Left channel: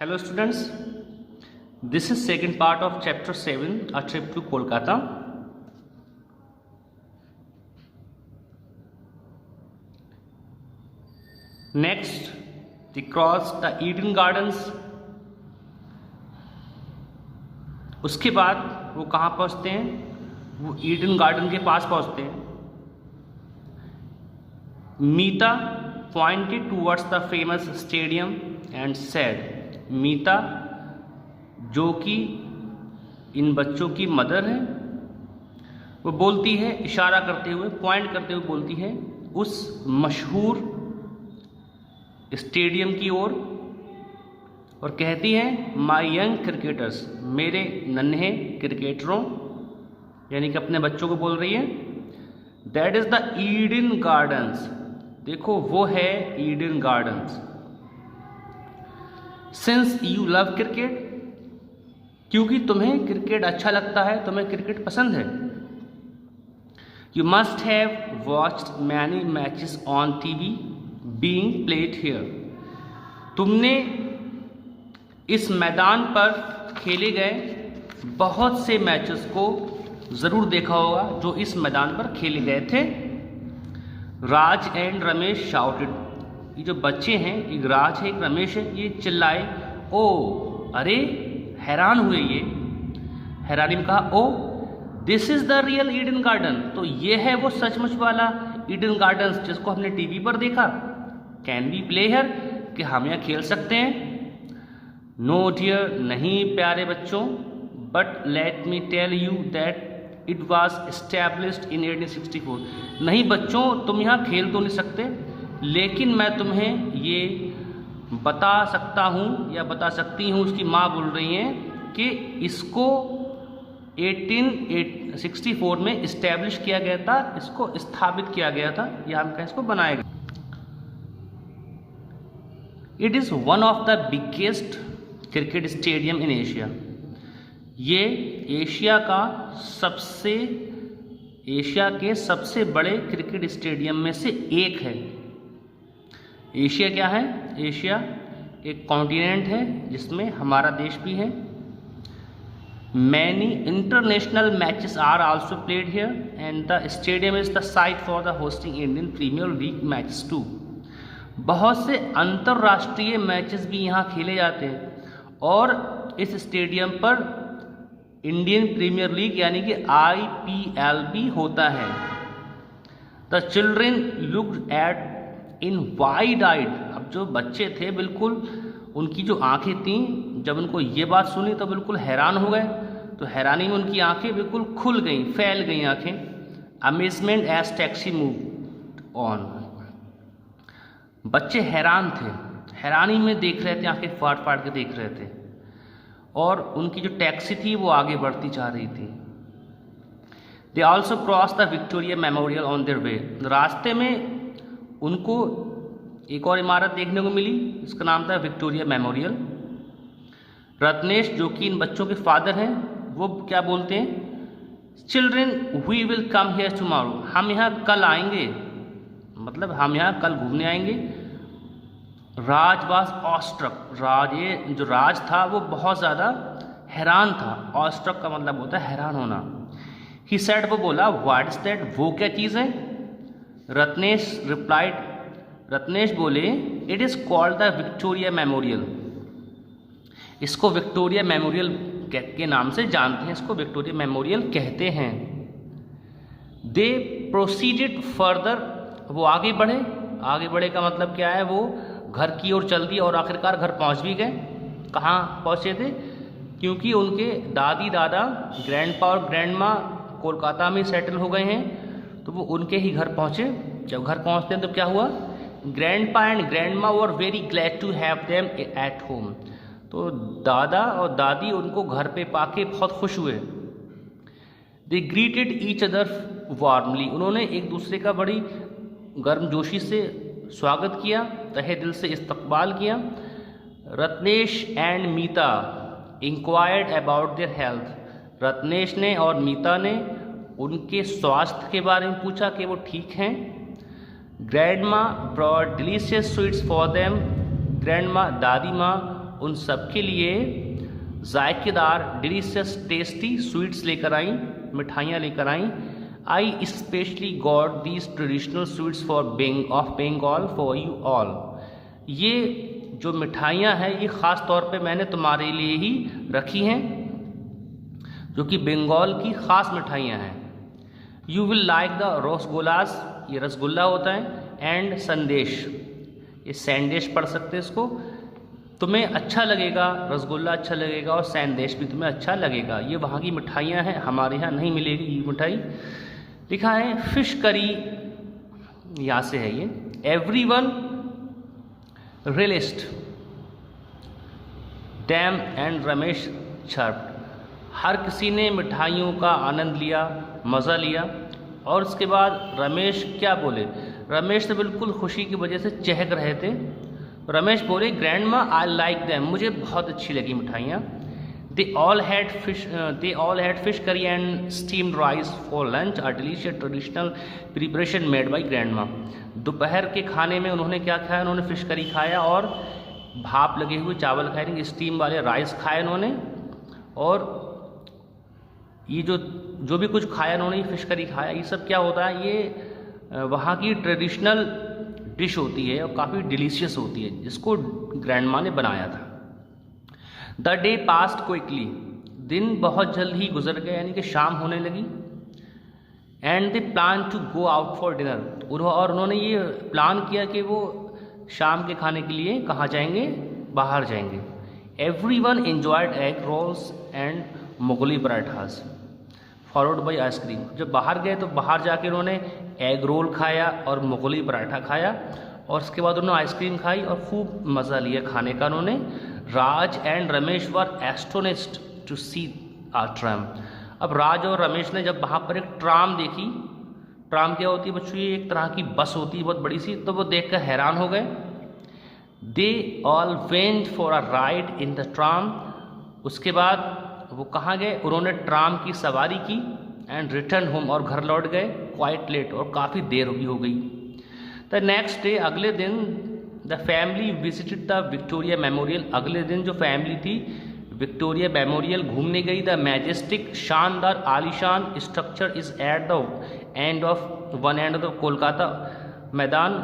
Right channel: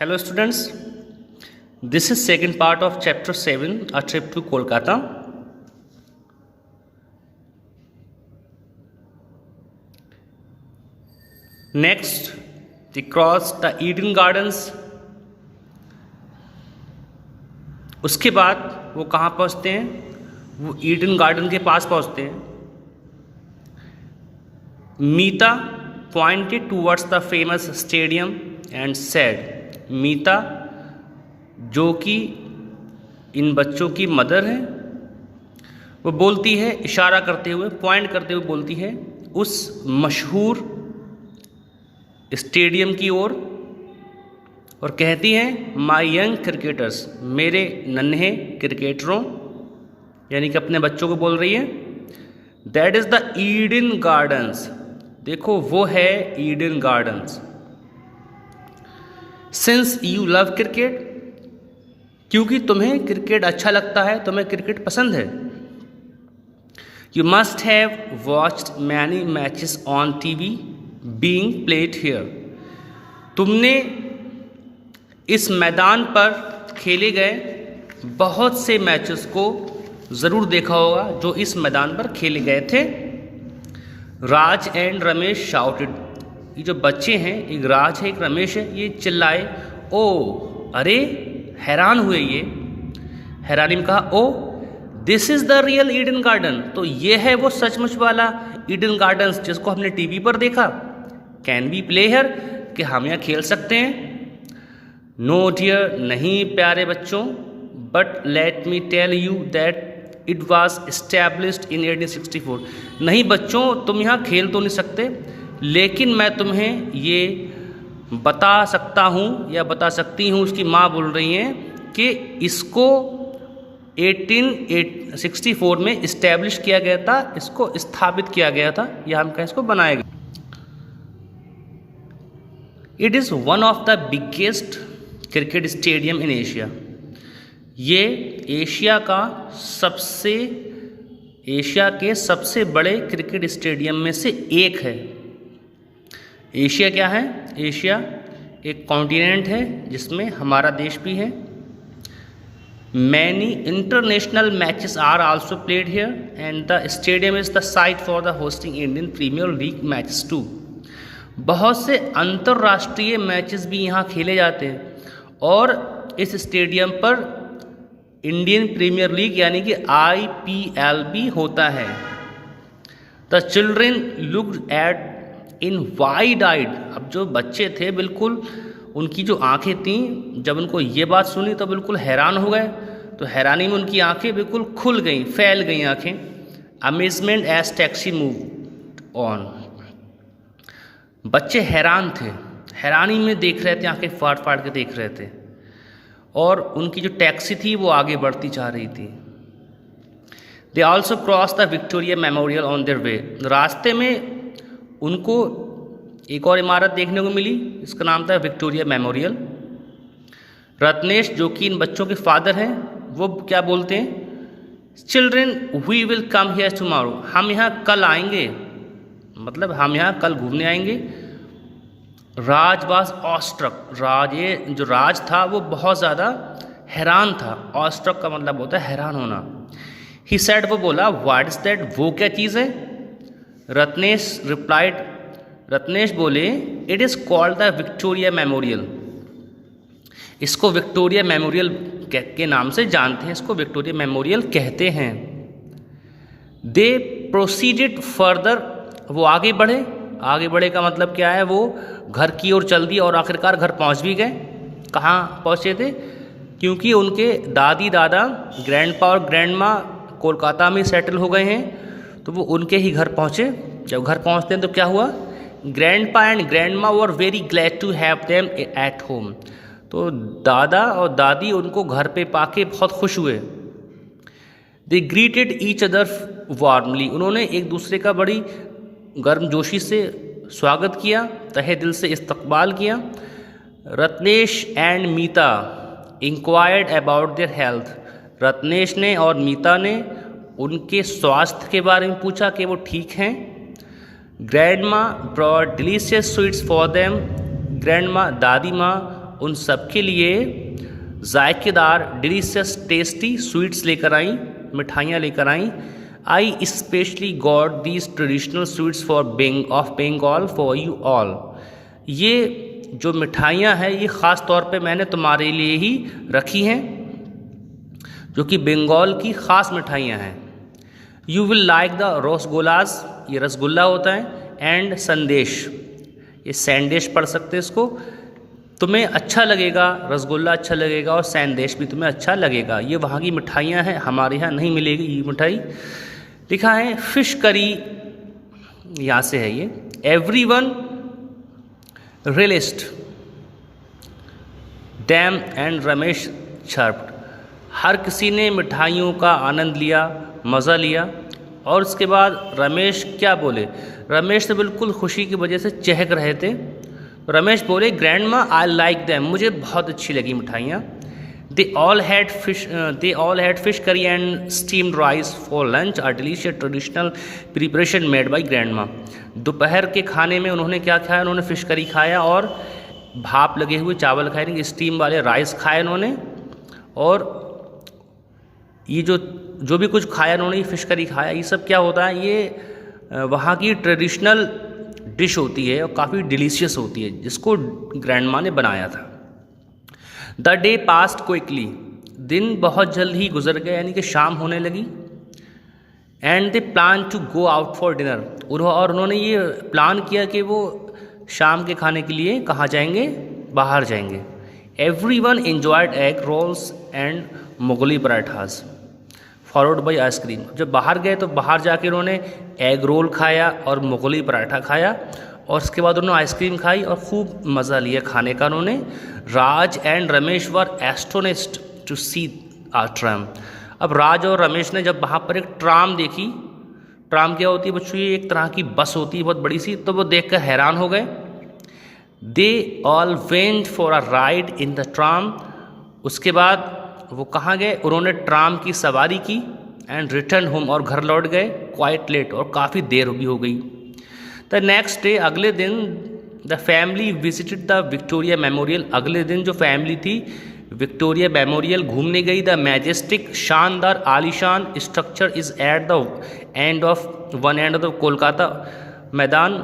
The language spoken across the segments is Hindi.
Hello students, this is second part of chapter 7, a trip to Kolkata. Next, they crossed the Eden Gardens. उसके बाद वो कहाँ पहुँचते हैं? वो ईडन गार्डन के पास पहुँचते हैं. मीता pointed towards the famous stadium and said, मीता जो कि इन बच्चों की मदर है, वो बोलती है इशारा करते हुए, पॉइंट करते हुए बोलती है उस मशहूर स्टेडियम की ओर और कहती हैं माई यंग क्रिकेटर्स, मेरे नन्हे क्रिकेटरों, यानी कि अपने बच्चों को बोल रही है. That is the Eden gardens, देखो वो है Eden gardens. Since you love cricket, क्योंकि तुम्हें क्रिकेट अच्छा लगता है, तुम्हें क्रिकेट पसंद है. You must have watched many matches on TV being played here, तुमने इस मैदान पर खेले गए बहुत से मैचेस को ज़रूर देखा होगा जो इस मैदान पर खेले गए थे. राज एंड रमेश शाउटेड, ये जो बच्चे हैं, एक राज है एक रमेश है, ये चिल्लाए. ओ अरे, हैरान हुए ये, हैरानी में कहा oh this is the real Eden garden, तो ये है वो सचमुच वाला ईडन गार्डन्स जिसको हमने टीवी पर देखा. कैन वी प्ले हियर, कि हम यहाँ खेल सकते हैं. नो डियर, नहीं प्यारे बच्चों, but let me tell you that it was established in 1864. नहीं बच्चों, तुम यहाँ खेल तो नहीं सकते, लेकिन मैं तुम्हें ये बता सकता हूँ या बता सकती हूँ, उसकी माँ बोल रही हैं कि इसको 1864 में इस्टेब्लिश किया गया था, इसको स्थापित किया गया था, या हम कहें इसको बनाया गया. It is one of the biggest cricket stadium in Asia, ये एशिया के सबसे बड़े क्रिकेट स्टेडियम में से एक है. एशिया क्या है? एशिया एक कॉन्टिनेंट है जिसमें हमारा देश भी है. Many international matches are also played here and the stadium is the site for the hosting Indian Premier League matches too. बहुत से अंतर्राष्ट्रीय मैचेस भी यहाँ खेले जाते हैं और इस स्टेडियम पर इंडियन प्रीमियर लीग यानी कि IPL भी होता है. The children looked at in wide eyed, अब जो बच्चे थे बिल्कुल उनकी जो आंखें थीं, जब उनको ये बात सुनी तो बिल्कुल हैरान हो गए. तो हैरानी में उनकी आंखें बिल्कुल खुल गईं, फैल गईं आंखें. Amazement as taxi move on, बच्चे हैरान थे, हैरानी में देख रहे थे, आंखें फाड़ फाड़ के देख रहे थे, और उनकी जो टैक्सी थी वो आगे बढ़ती जा रही थी. They also cross the Victoria memorial on their way, रास्ते में उनको एक और इमारत देखने को मिली, इसका नाम था विक्टोरिया मेमोरियल. रत्नेश जो कि इन बच्चों के फादर हैं, वो क्या बोलते हैं, children we will come here tomorrow, हम यहाँ कल आएंगे, मतलब हम यहाँ कल घूमने आएंगे. राज वाज ऑस्ट्रक, राज, ये जो राज था वो बहुत ज़्यादा हैरान था. ऑस्ट्रक का मतलब होता है हैरान होना. ही सेड, वो बोला व्हाट इज़ दैट, वो क्या चीज़ है. रत्नेश रिप्लाइड, रत्नेश बोले it is called the Victoria memorial, इसको विक्टोरिया मेमोरियल के नाम से जानते हैं, इसको विक्टोरिया मेमोरियल कहते हैं. दे प्रोसीडेड फर्दर, वो आगे बढ़े, आगे बढ़े का मतलब क्या है, वो घर की ओर चल दिए और आखिरकार घर पहुंच भी गए. कहाँ पहुंचे थे, क्योंकि उनके दादी दादा, ग्रैंडपा और ग्रैंड माँ कोलकाता में सेटल हो गए हैं, तो वो उनके ही घर पहुँचे. जब घर पहुँचते हैं तो क्या हुआ, grandpa and grandma were very glad to have them at home, तो दादा और दादी उनको घर पे पाके बहुत खुश हुए. दे ग्रीटेड ईच अदर वार्मली, उन्होंने एक दूसरे का बड़ी गर्मजोशी से स्वागत किया, तहे दिल से इस्तकबाल किया. Ratnesh and Meeta inquired about their health, Ratnesh ने और मीता ने उनके स्वास्थ्य के बारे में पूछा कि वो ठीक हैं. Grandma brought delicious sweets for them, grandma दादी माँ उन सब के लिए जायकेदार डिलीशियस टेस्टी स्वीट्स लेकर आई, मिठाइयाँ लेकर आई। I specially got these traditional sweets of Bengal for you all. ये जो मिठाइयाँ हैं ये ख़ास तौर पे मैंने तुम्हारे लिए ही रखी हैं, जो कि बंगाल की ख़ास मिठाइयाँ हैं। You will like the rasgullas, ये रसगुल्ला होता है, एंड संदेश, ये सैंडेश पढ़ सकते हैं इसको, तुम्हें अच्छा लगेगा, रसगुल्ला अच्छा लगेगा और सैंदेश भी तुम्हें अच्छा लगेगा। ये वहाँ की मिठाइयाँ हैं, हमारे यहाँ नहीं मिलेगी ये मिठाई। लिखा है फिश करी, यहाँ से है ये। Everyone relished them and Ramesh chirped, हर किसी ने मिठाइयों का आनंद लिया, मज़ा लिया। और उसके बाद रमेश क्या बोले, रमेश तो बिल्कुल खुशी की वजह से चहक रहे थे। रमेश बोले ग्रैंडमा आई लाइक दैम, मुझे बहुत अच्छी लगी मिठाइयाँ। They all had fish curry and steamed rice for lunch, a delicious traditional preparation made by grandma. दोपहर के खाने में उन्होंने क्या खाया, उन्होंने फ़िश करी खाया और भाप लगे हुए चावल खाए, स्टीम वाले राइस खाए उन्होंने। और ये जो भी कुछ खाया उन्होंने, ये फ़िश करी खाया, ये सब क्या होता है, ये वहाँ की ट्रेडिशनल डिश होती है और काफ़ी डिलीशियस होती है, जिसको ग्रैंडमा ने बनाया था। द डे पास्ट क्विकली, दिन बहुत जल्द ही गुजर गए, यानी कि शाम होने लगी। And they plan to go out for dinner, और उन्होंने ये प्लान किया कि वो शाम के खाने के लिए कहाँ जाएंगे, बाहर जाएंगे। Everyone enjoyed egg rolls and Mughlai parathas followed by ice cream. जब बाहर गए तो बाहर जाके उन्होंने एग रोल खाया और मुगली पराठा खाया, और उसके बाद उन्होंने आइसक्रीम खाई और खूब मज़ा लिया खाने का उन्होंने। Raj and Ramesh were astonished to see a tram. अब राज और रमेश ने जब वहाँ पर एक ट्राम देखी, ट्राम क्या होती है बच्चों, ये एक तरह की बस होती है बहुत बड़ी सी, तो वो देख कर हैरान हो गए। They all went for a ride in the tram, उसके बाद वो कहाँ गए, उन्होंने ट्राम की सवारी की। एंड रिटर्न होम, और घर लौट गए क्वाइट लेट, और काफ़ी देर भी हो गई। द नेक्स्ट डे, अगले दिन, the family visited the Victoria memorial, अगले दिन जो फैमिली थी विक्टोरिया मेमोरियल घूमने गई। द मैजेस्टिक, शानदार आलीशान structure is at the end of one end of the Kolkata मैदान।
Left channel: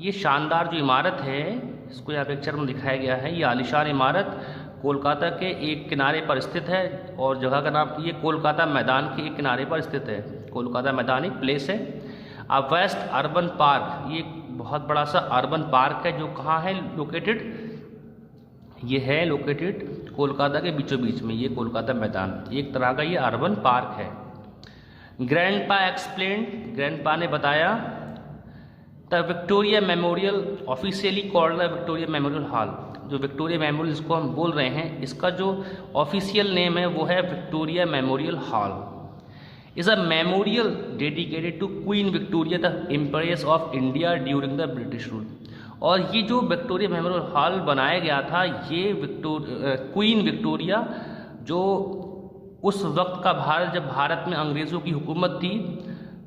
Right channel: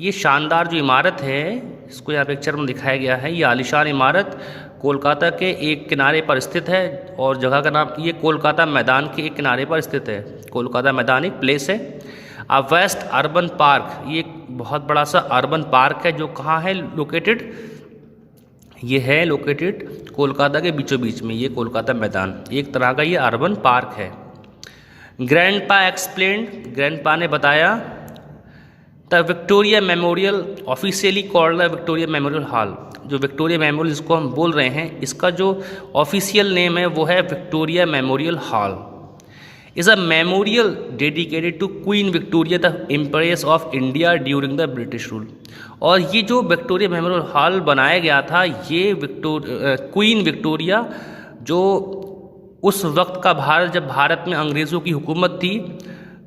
ये शानदार जो इमारत है, इसको यहाँ पिक्चर में दिखाया गया है, ये आलीशान इमारत कोलकाता के एक किनारे पर स्थित है, और जगह का नाम ये कोलकाता मैदान के एक किनारे पर स्थित है। कोलकाता मैदान एक प्लेस है। अ वेस्ट अर्बन पार्क, ये एक बहुत बड़ा सा अर्बन पार्क है, जो कहाँ है लोकेटेड, ये है लोकेटेड कोलकाता के बीचों बीच में, ये कोलकाता मैदान एक तरह का ये अर्बन पार्क है। ग्रैंडपा एक्सप्लेन्ड, ग्रैंडपा ने बताया। The Victoria memorial officially called the Victoria Memorial hall, जो विक्टोरिया मेमोरियल जिसको हम बोल रहे हैं, इसका जो ऑफिशियल नेम है वो है Victoria Memorial Hall. Is a memorial dedicated to Queen Victoria the Empress of India during the British rule. और ये जो विक्टोरिया मेमोरियल हॉल बनाया गया था, ये क्वीन विक्टोरिया जो उस वक्त का भारत, जब भारत में अंग्रेज़ों की हुकूमत थी,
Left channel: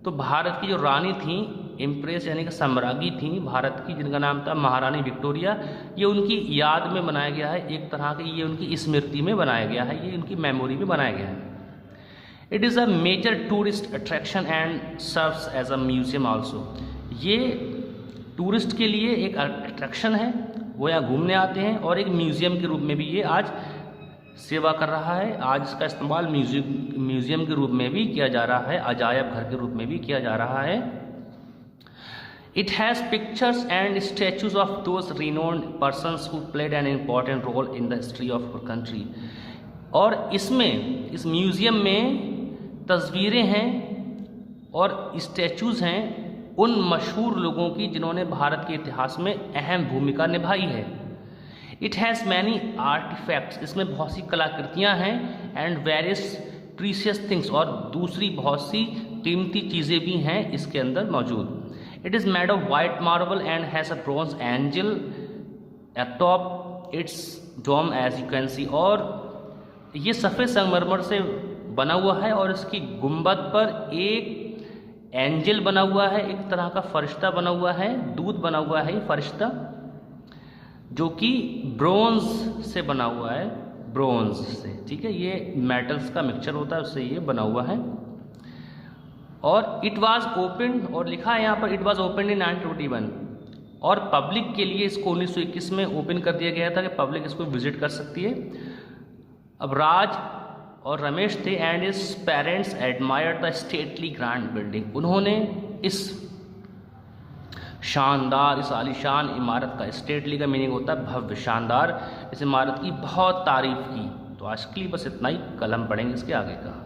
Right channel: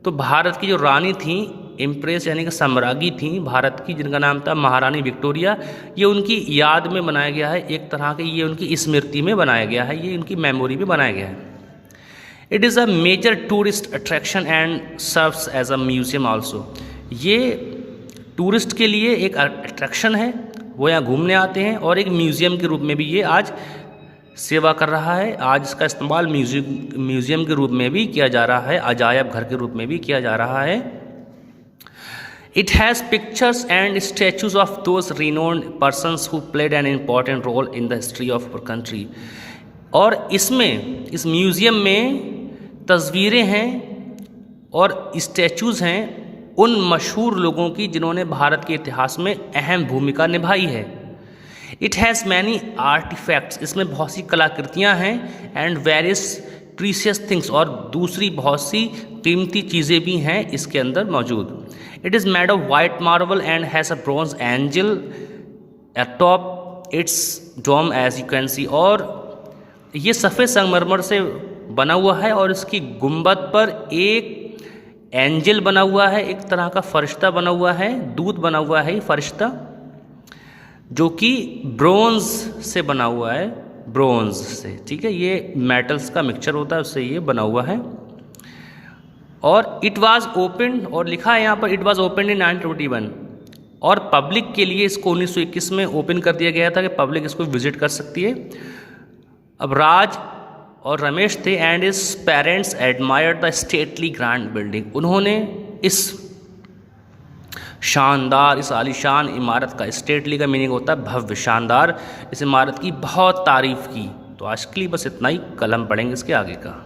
तो भारत की जो रानी थी, एम्प्रेस यानी कि सम्राज्ञी थी भारत की, जिनका नाम था महारानी विक्टोरिया, ये उनकी याद में बनाया गया है, एक तरह के ये उनकी स्मृति में बनाया गया है, ये उनकी मेमोरी में बनाया गया है। It is a major tourist attraction and serves as a museum also. ये टूरिस्ट के लिए एक अट्रैक्शन है, वो यहाँ घूमने आते हैं, और एक म्यूज़ियम के रूप में भी ये आज सेवा कर रहा है। आज इसका इस्तेमाल म्यूज़ियम के रूप में भी किया जा रहा है, अजायब घर के रूप में भी किया जा रहा है। It has pictures and statues of those renowned persons who played an important role in the history of our country। और इसमें, इस म्यूज़ियम में तस्वीरें हैं और स्टैचूज़ हैं उन मशहूर लोगों की जिन्होंने भारत के इतिहास में अहम भूमिका निभाई है। इट हैज़ मैनी आर्टिफैक्ट्स, इसमें बहुत सी कलाकृतियाँ हैं, एंड वेरियस प्रीशियस थिंग्स, और दूसरी बहुत सी कीमती चीज़ें भी हैं इसके अंदर मौजूद। It is made of white marble and has a bronze angel atop its dome as you can see. और ये सफ़ेद संगमरमर से बना हुआ है, और इसकी गुंबद पर एक एंजल बना हुआ है, एक तरह का फरिश्ता बना हुआ है, दूत बना हुआ है फरिश्ता। जो कि ब्रोंज से बना हुआ है, ब्रोंज से, ठीक है, ये मेटल्स का मिक्सचर होता है, उससे ये बना हुआ है। और इट वाज ओपन, और लिखा है यहाँ पर इट वाज ओपन इन 1921, और पब्लिक के लिए इसको 1921 में ओपन कर दिया गया था कि पब्लिक इसको विजिट कर सकती है। अब राज और रमेश थे and is parents admired the stately grand building. उन्होंने इस शानदार, इस आलीशान इमारत का, स्टेटली का मीनिंग होता है भव्य, शानदार, इस इमारत की बहुत तारीफ की। तो आज के लिए बस इतना ही, कल हम पढ़ेंगे इसके आगे का।